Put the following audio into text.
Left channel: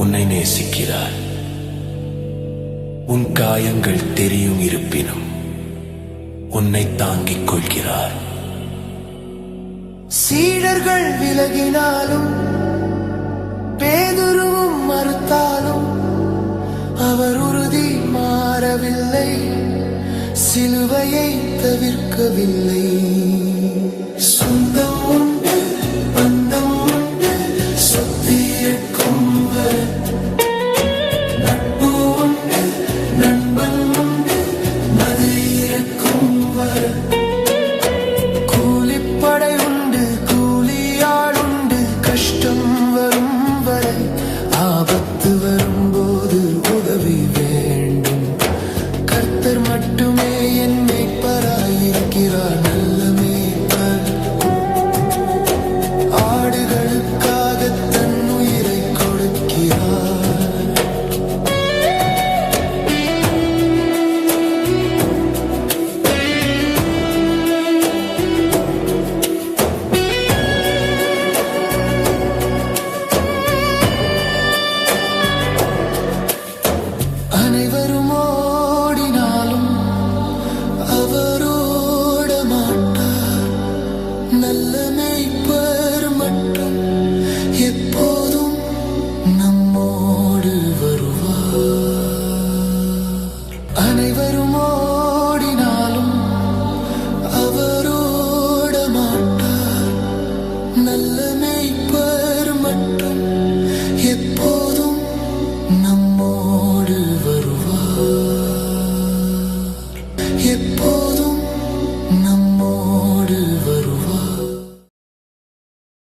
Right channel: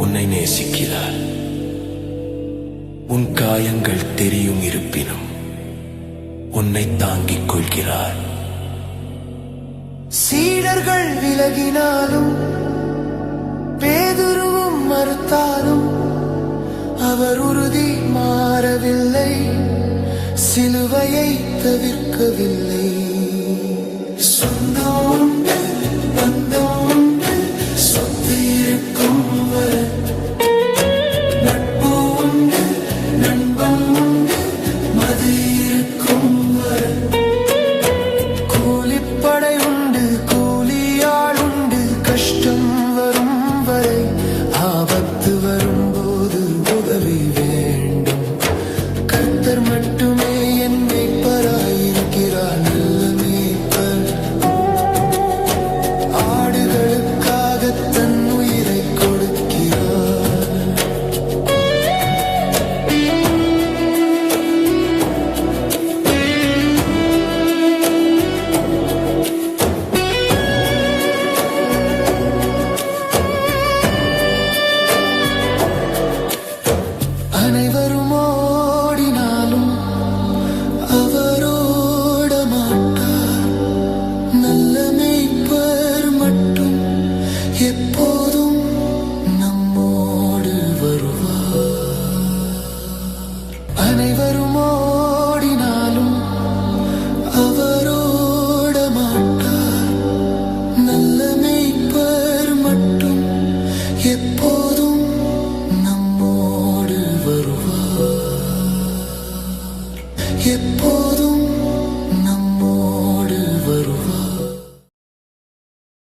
உன்னை நேசிக்கிறார். உன் காயங்கள் தெரியும் இருப்பினும் உன்னை தாங்கிக் கொள்கிறார். சீடர்கள் விலகினாலும் பேதுருவும் மறுத்தாலும் அவர் உறுதி மாறவில்லை, சிலுவையை தவிர்க்கவில்லை. சொந்தம் உண்டு, பந்தம் உண்டு, சொத்து இருக்கும் வரை நட்பு உண்டு, நண்பன் உண்டு, மது இருக்கும் வரை கூலிப்படை உண்டு, கூலியாள் உண்டு, கஷ்டம் வரும் வரை ஆபத்து வரும்போது உதவி வேண்டும். கர்த்தர் மட்டுமே என்னை பராயிருக்கிறார், நல்ல மேய்ப்பர். ஆடுகளுக்காக தன் உயிரை கொடுக்கிறார். அனைவரும் ஓடினாலும் அவர் ஓட மாட்டார். நல்ல மேய்ப்பர் மட்டும் எப்போதும் நம்மோடு வருவார். அனைவரும் ஓடினாலும் அவர் ஓட மாட்டார். நல்ல மேய்ப்பர் மட்டும் எப்போதும் நம்மோடு வருவார். எப்போதும் நம்மோடு வருவார்.